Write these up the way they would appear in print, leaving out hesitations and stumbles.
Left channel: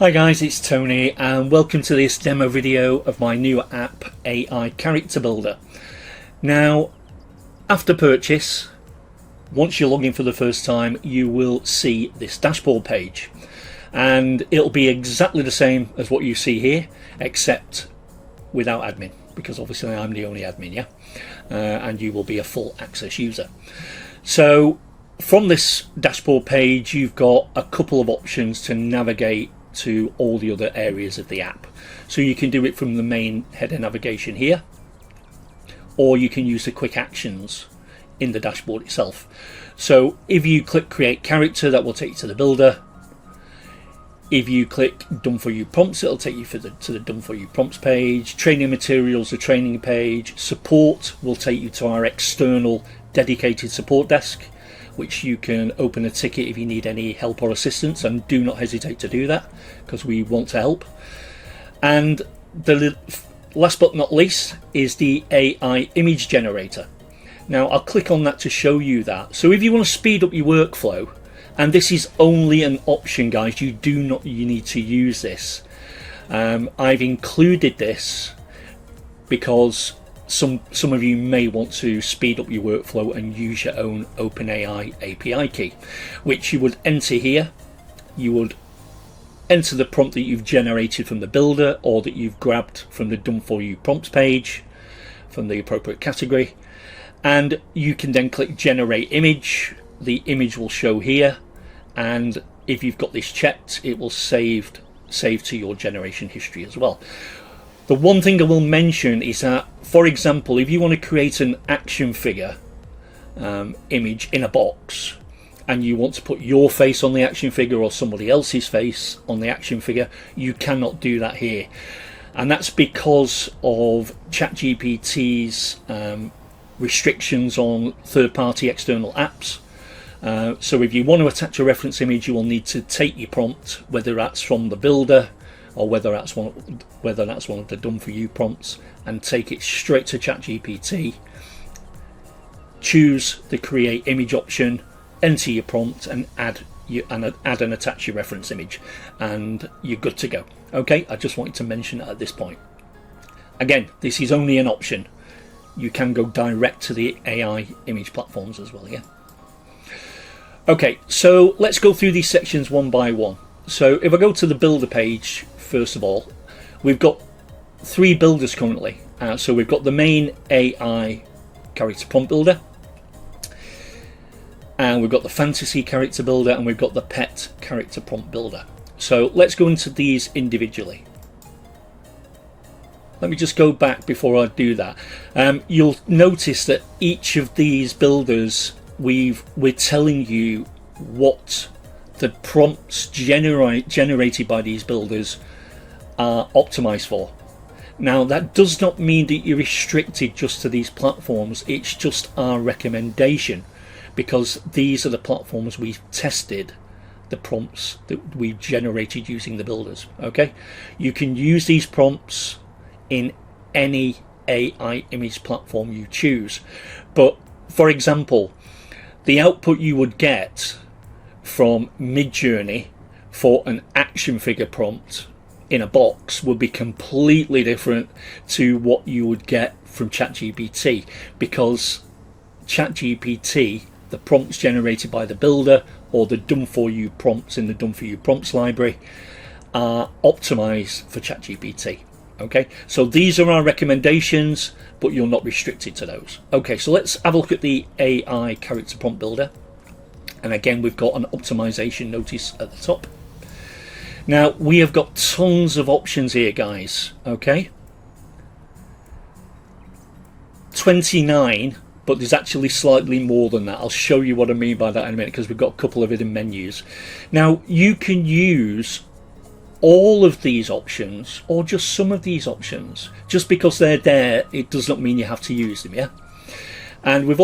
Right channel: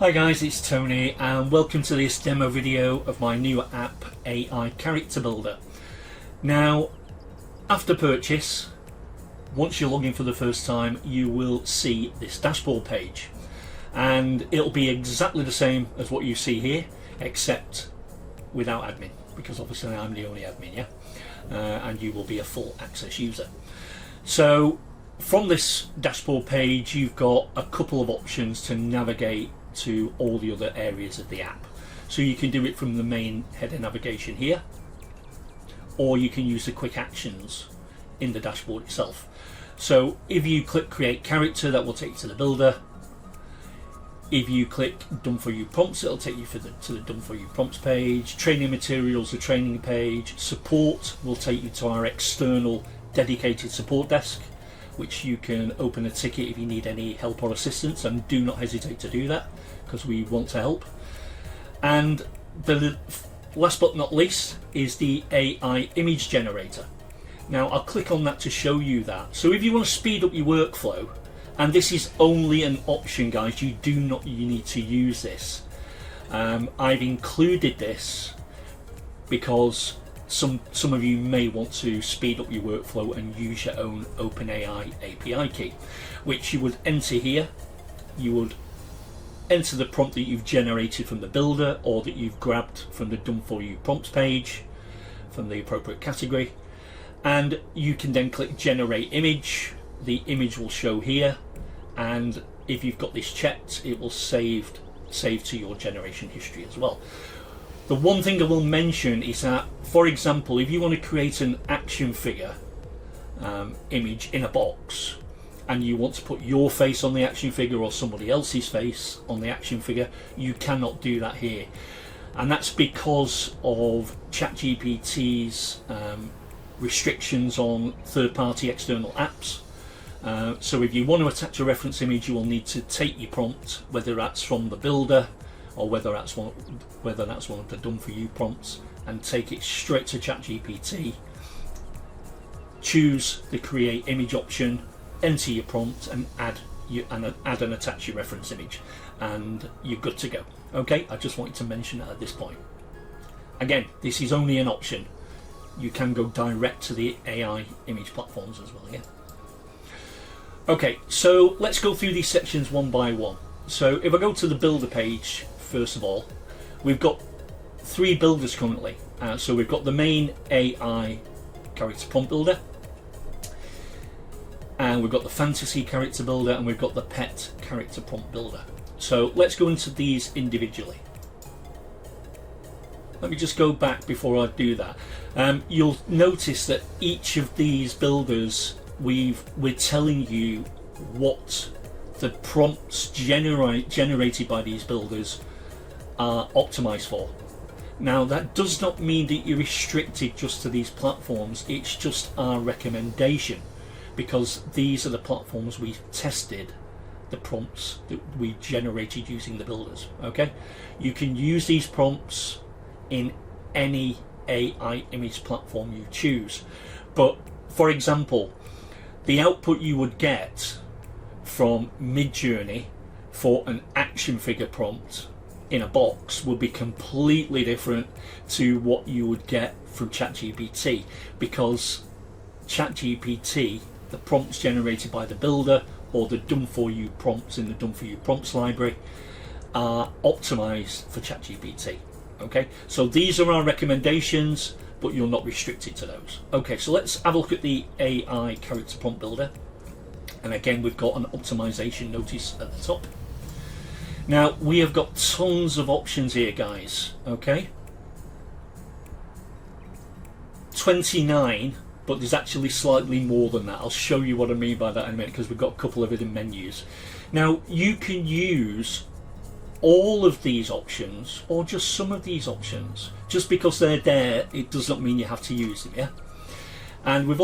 Hi guys, it's Tony and welcome to this demo video of my new app, AI Character Builder. Now, after purchase, once you log in for the first time, you will see this dashboard page. And it'll be exactly the same as what you see here, except without admin, because obviously I'm the only admin, yeah? And you will be a full access user. So, from this dashboard page, you've got a couple of options to navigate to all the other areas of the app. So you can do it from the main header navigation here, or you can use the quick actions in the dashboard itself. So if you click create character, that will take you to the builder. If you click done for you prompts, it'll take you to the done for you prompts page. Training materials, the training page. Support will take you to our external dedicated support desk, which you can open a ticket if you need any help or assistance, and do not hesitate to do that because we want to help. And the last but not least is the AI image generator. Now I'll click on that to show you that. So if you want to speed up your workflow, and this is only an option guys, you need to use this. I've included this because some of you may want to speed up your workflow and use your own OpenAI API key, which you would enter here. You would enter the prompt that you've generated from the builder or that you've grabbed from the done for you prompts page from the appropriate category, and you can then click generate image. The image will show here, and if you've got this checked, it will save to your generation history as well. The one thing I will mention is that, for example, if you want to create an action figure image in a box, and you want to put your face on the action figure or somebody else's face on the action figure, you cannot do that here. And that's because of ChatGPT's restrictions on third-party external apps. So if you want to attach a reference image, you will need to take your prompt, whether that's from the builder or whether that's one of the done for you prompts, and take it straight to ChatGPT. Choose the create image option, enter your prompt, and add and attach your reference image, and you're good to go. Okay, I just wanted to mention that at this point. Again, this is only an option. You can go direct to the AI image platforms as well. Yeah. Okay, so let's go through these sections one by one. So if I go to the builder page, first of all, we've got three builders currently. So we've got the main AI character prompt builder, and we've got the fantasy character builder, and we've got the pet character prompt builder. So let's go into these individually. Let me just go back before I do that. You'll notice that each of these builders, we're telling you what the prompts generated by these builders are optimized for. Now that does not mean that you're restricted just to these platforms. It's just our recommendation, because these are the platforms we've tested the prompts that we generated using the builders. Okay, you can use these prompts in any AI image platform you choose, but for example, the output you would get from Midjourney for an action figure prompt in a box would be completely different to what you would get from ChatGPT, because ChatGPT, the prompts generated by the builder or the done for you prompts in the done for you prompts library, are optimized for ChatGPT. Okay, so these are our recommendations, but you're not restricted to those. Okay, so let's have a look at the AI character prompt builder. And again, we've got an optimization notice at the top. Now, we have got tons of options here, guys. Okay, 29, but there's actually slightly more than that. I'll show you what I mean by that in a minute, because we've got a couple of hidden menus. Now, you can use all of these options or just some of these options. Just because they're there, it does not mean you have to use them. Yeah. And we've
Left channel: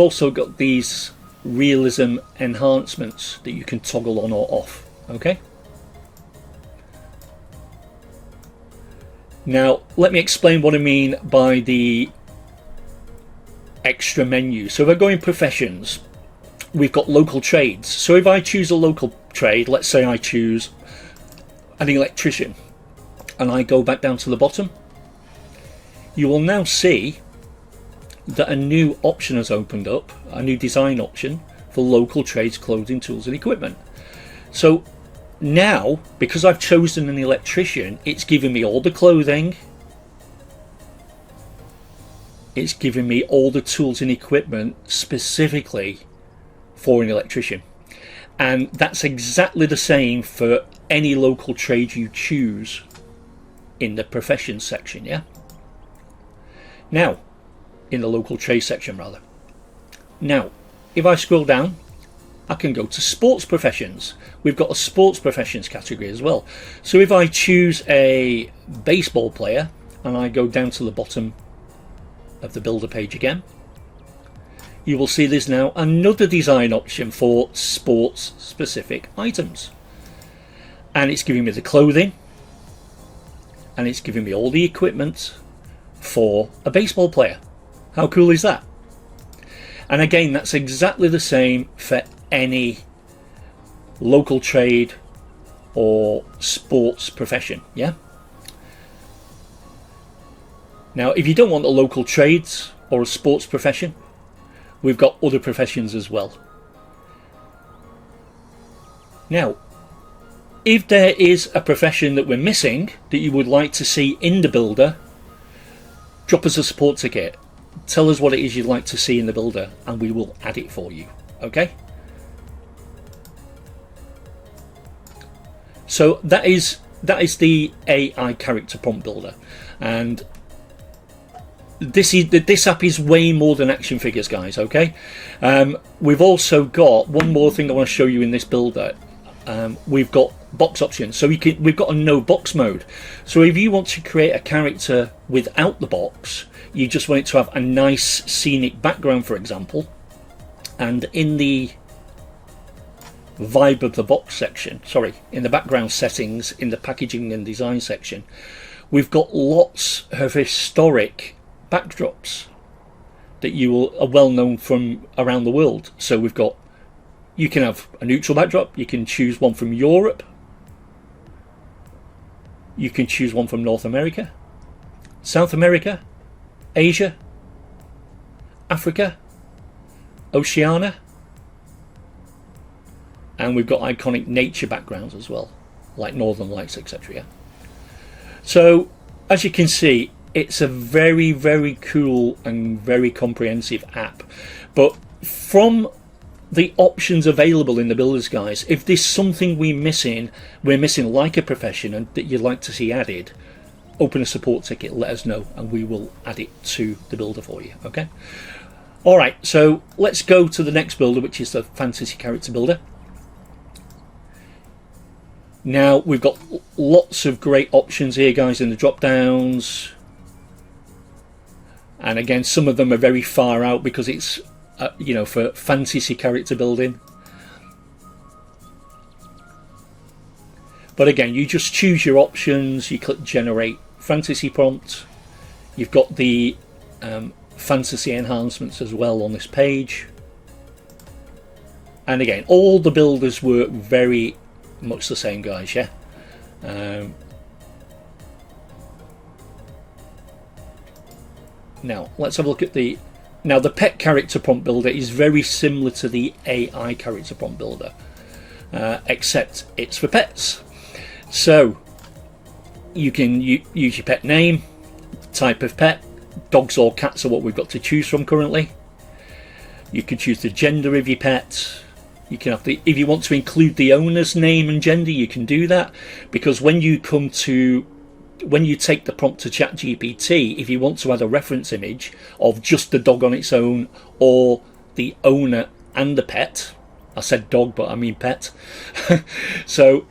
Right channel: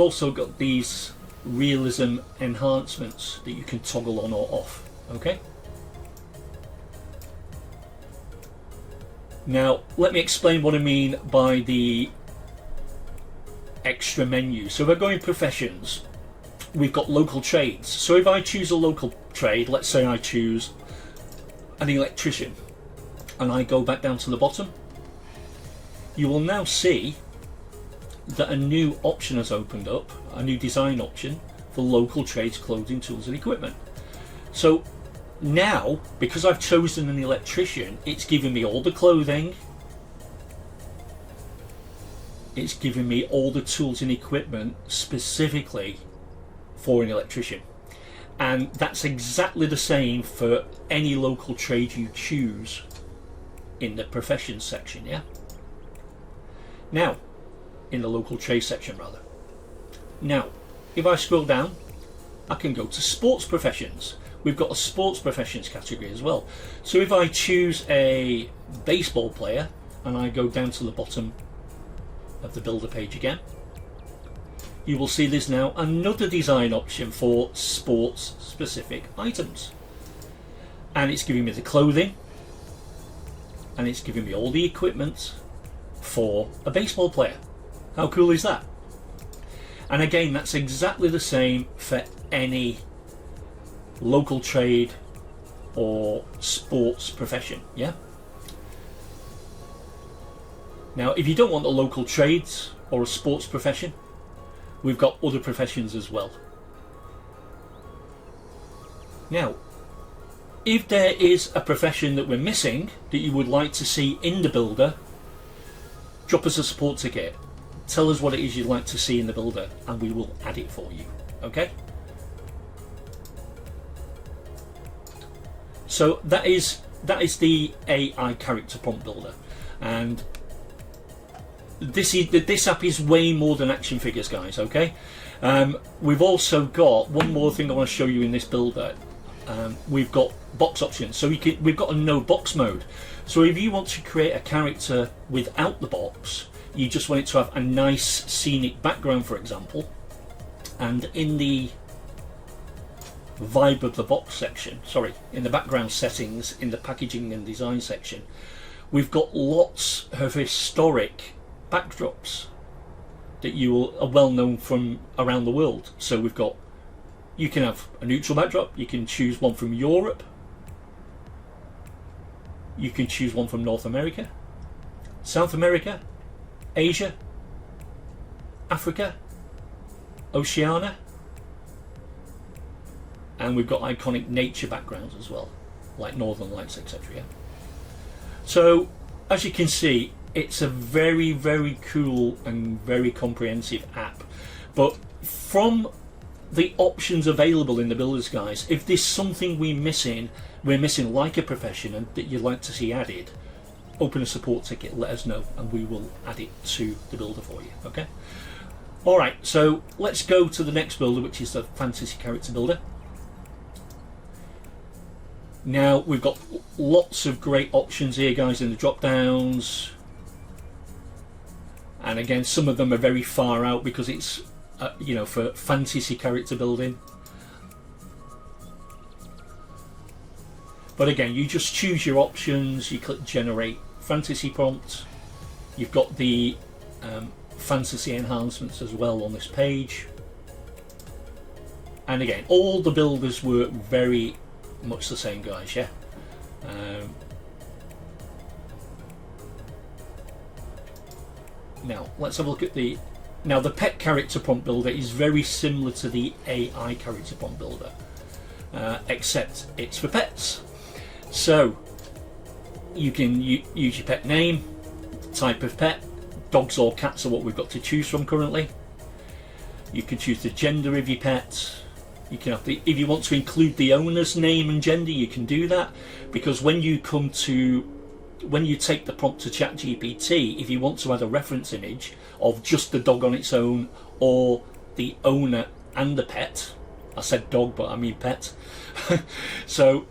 also got these realism enhancements that you can toggle on or off. Okay. Now let me explain what I mean by the extra menu. So if I go in professions, we've got local trades. So if I choose a local trade, let's say I choose an electrician and I go back down to the bottom, you will now see that a new option has opened up, a new design option for local trades, clothing, tools and equipment. So now, because I've chosen an electrician, it's giving me all the clothing, it's giving me all the tools and equipment specifically for an electrician. And that's exactly the same for any local trade you choose in the professions section, yeah? Now, in the local trade section rather. Now, if I scroll down, I can go to sports professions. We've got a sports professions category as well. So if I choose a baseball player and I go down to the bottom of the builder page again, you will see there's now another design option for sports specific items. And it's giving me the clothing and it's giving me all the equipment for a baseball player. How cool is that? And again, that's exactly the same for any local trade or sports profession, yeah? Now, if you don't want a local trades or a sports profession, we've got other professions as well. Now, if there is a profession that we're missing that you would like to see in the builder, drop us a support ticket. Tell us what it is you'd like to see in the builder and we will add it for you, okay? So that is the AI character prompt builder, and this app is way more than action figures, guys, okay? We've also got one more thing I want to show you in this builder. We've got box options, so we've got a no box mode. So if you want to create a character without the box, you just want it to have a nice scenic background, for example, and in the vibe of the box section, in the background settings, in the packaging and design section, we've got lots of historic backdrops that are well known from around the world. So you can have a neutral backdrop, you can choose one from Europe, you can choose one from North America, South America, Asia, Africa, Oceania, and we've got iconic nature backgrounds as well, like Northern Lights, etc. Yeah? So as you can see, it's a very, very cool and very comprehensive app. But from the options available in the builders, guys, if there's something we're missing like a profession and that you'd like to see added, open a support ticket, let us know and we will add it to the builder for you, okay? Alright, so let's go to the next builder, which is the fantasy character builder. Now we've got lots of great options here, guys, in the drop downs, and again some of them are very far out because it's for fantasy character building. But again, you just choose your options, you click generate fantasy prompt. You've got the fantasy enhancements as well on this page, and again all the builders work very much the same, guys, yeah? Now let's have a look at the pet character prompt builder is very similar to the AI character prompt builder, except it's for pets. So you can use your pet name, type of pet. Dogs or cats are what we've got to choose from currently. You can choose the gender of your pet. You can have if you want to include the owner's name and gender, you can do that, because when you take the prompt to ChatGPT, if you want to add a reference image of just the dog on its own or the owner and the pet, I said dog but I mean pet, so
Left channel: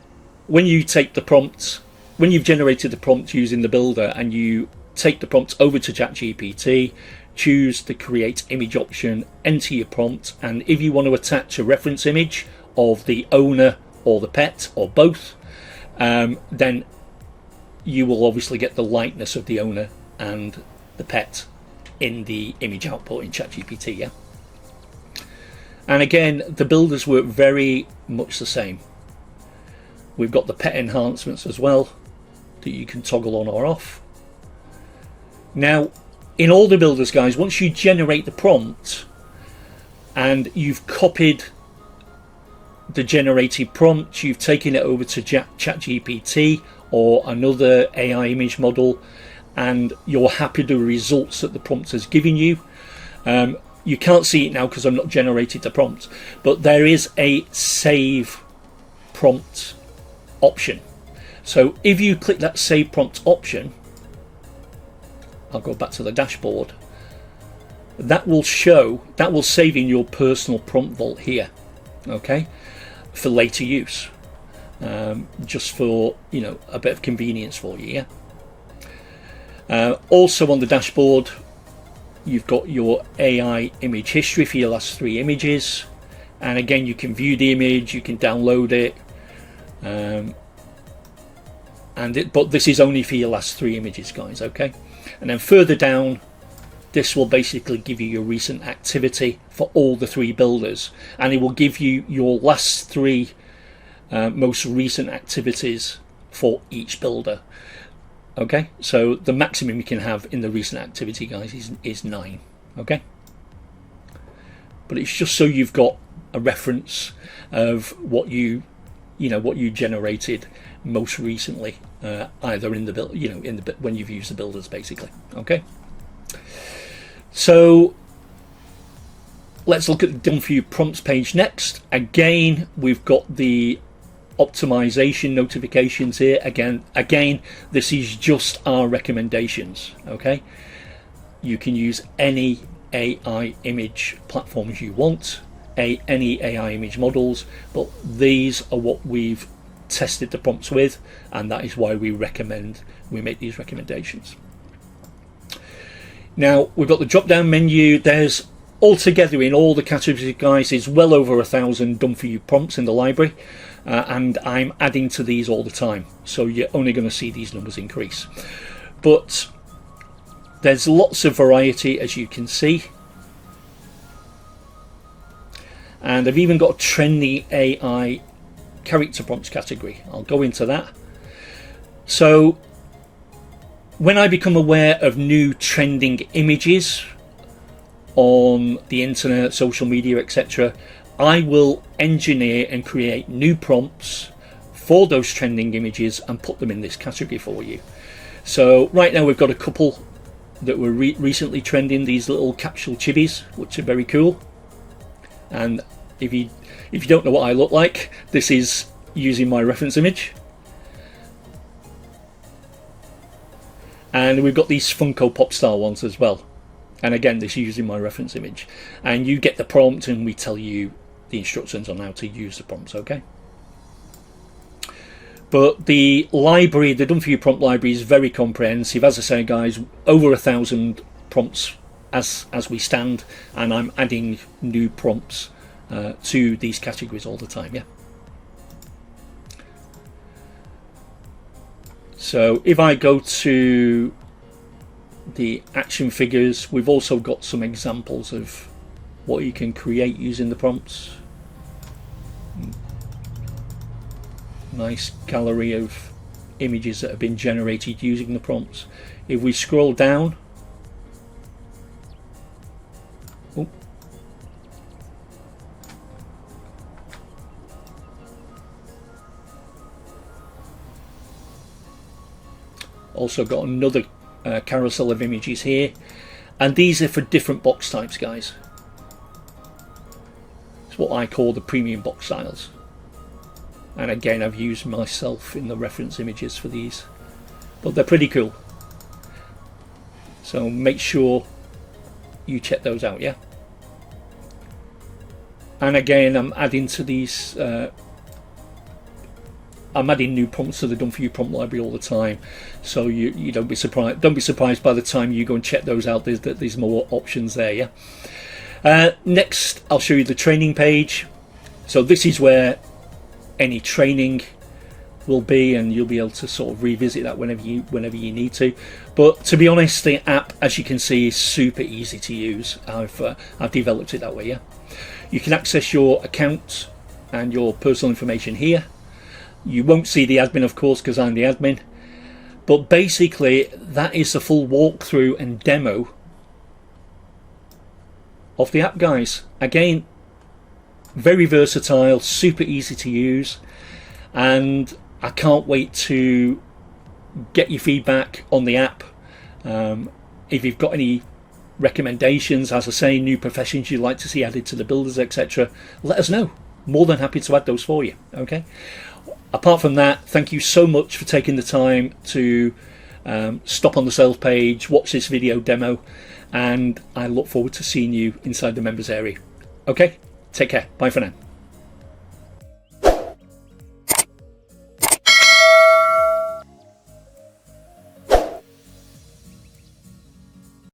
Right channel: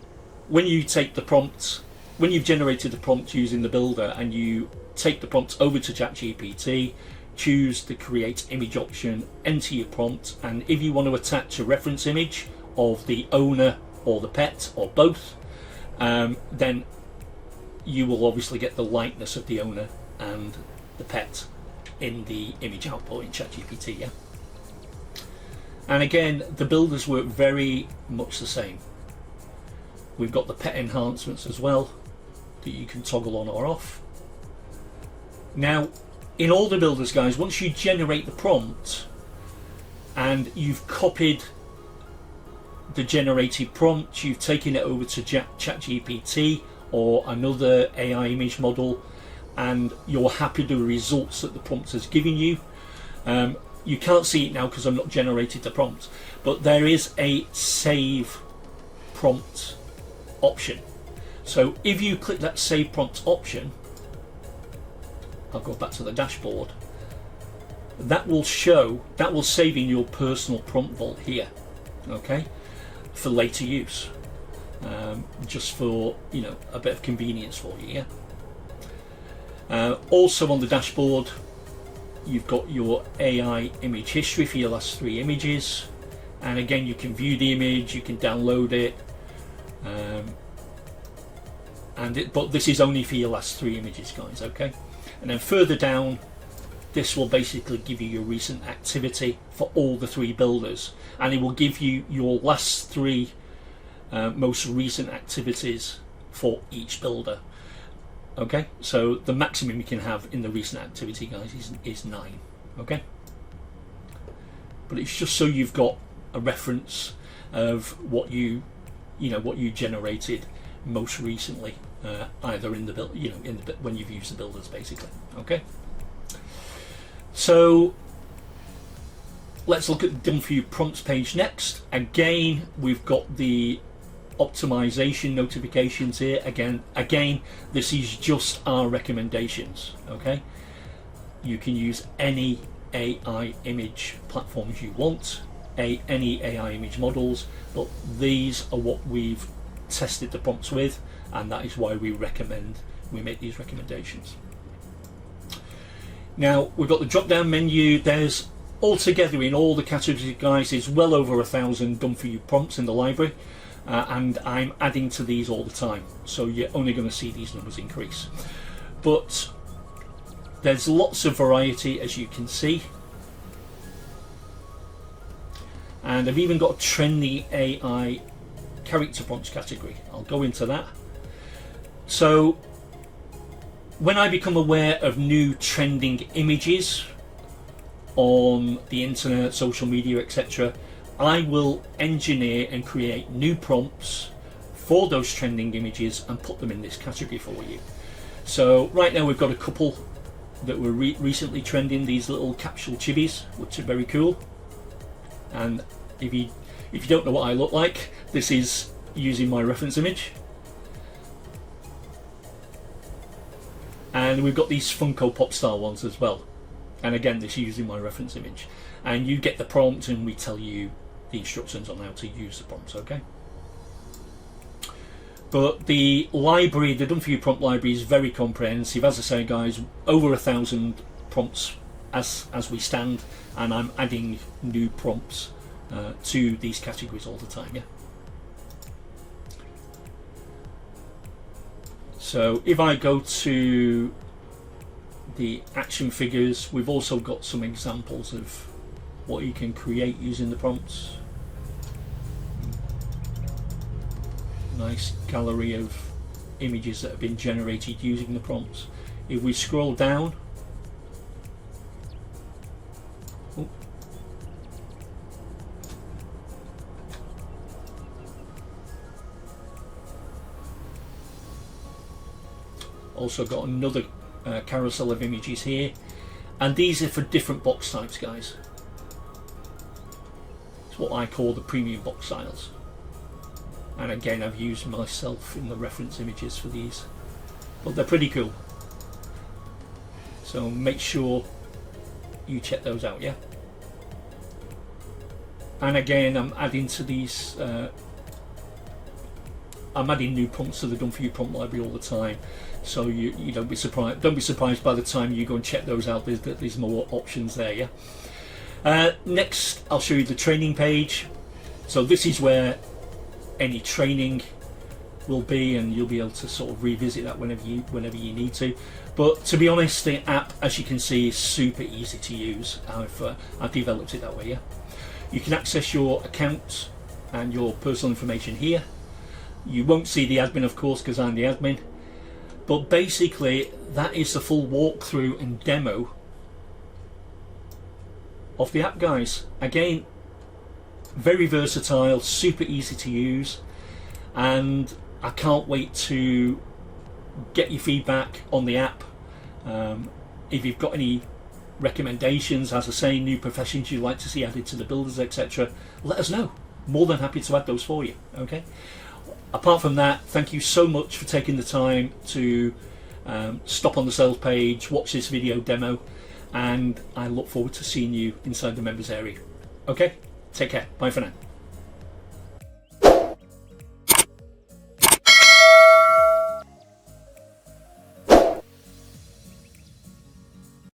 when you take the prompt, when you've generated the prompt using the builder and you take the prompt over to ChatGPT, choose the create image option, enter your prompt, and if you want to attach a reference image of the owner or the pet or both, then you will obviously get the likeness of the owner and the pet in the image output in ChatGPT, yeah? And again, the builders work very much the same. We've got the pet enhancements as well that you can toggle on or off. Now, in all the builders, guys, once you generate the prompt and you've copied the generated prompt, you've taken it over to ChatGPT or another AI image model, and you're happy with the results that the prompt has given you. You can't see it now because I've not generated the prompt, but there is a save prompt option. So if you click that save prompt option, I'll go back to the dashboard, that will save in your personal prompt vault here, okay, for later use, just for, you know, a bit of convenience for you. Also on the dashboard, you've got your AI image history for your last 3 images, and again, you can view the image, you can download it, but this is only for your last 3 images, guys, okay? And then further down, this will basically give you your recent activity for all the 3 builders, and it will give you your last 3 most recent activities for each builder. Okay, so the maximum you can have in the recent activity, guys, is 9. Okay, but it's just so you've got a reference of what you generated most recently, either in the build, when you've used the builders, basically. Okay, so let's look at the done for you prompts page next. Again, we've got the optimization notifications here. Again, this is just our recommendations. Okay, you can use any AI image platforms you want, any AI image models, but these are what we've tested the prompts with, and that is why we make these recommendations. Now we've got the drop down menu. There's altogether in all the categories, guys, is well over 1,000 done for you prompts in the library. And I'm adding to these all the time, so you're only going to see these numbers increase. But there's lots of variety, as you can see, and I've even got a trendy AI character prompts category. I'll go into that. So when I become aware of new trending images on the internet, social media, etc., I will engineer and create new prompts for those trending images and put them in this category for you. So right now we've got a couple that were recently trending, these little capsule chibis, which are very cool. And if you don't know what I look like, this is using my reference image. And we've got these Funko Pop style ones as well. And again, this is using my reference image. And you get the prompt and we tell you the instructions on how to use the prompts, okay? But the library, the done for you prompt library, is very comprehensive. As I say, guys, over 1,000 prompts as we stand, and I'm adding new prompts to these categories all the time. Yeah. So if I go to the action figures, we've also got some examples of what you can create using the prompts. Nice gallery of images that have been generated using the prompts. If we scroll down, also got another carousel of images here, and these are for different box types, guys. It's what I call the premium box styles. And again, I've used myself in the reference images for these, but they're pretty cool. So make sure you check those out, yeah. And again, I'm adding to these. I'm adding new prompts to the done for you prompt library all the time, so you don't be surprised. Don't be surprised by the time you go and check those out. There's more options there, yeah. Next, I'll show you the training page. So this is where any training will be, and you'll be able to sort of revisit that whenever you need to. But to be honest, the app, as you can see, is super easy to use. I've developed it that way. Yeah, you can access your account and your personal information here. You won't see the admin, of course, because I'm the admin. But basically, that is the full walkthrough and demo of the app, guys. Again, very versatile, super easy to use, and I can't wait to get your feedback on the app. If you've got any recommendations, as I say, new professions you'd like to see added to the builders, etc., let us know. More than happy to add those for you. Okay. Apart from that, thank you so much for taking the time to stop on the sales page, watch this video demo, and I look forward to seeing you inside the members area. Okay, take care. Bye for now.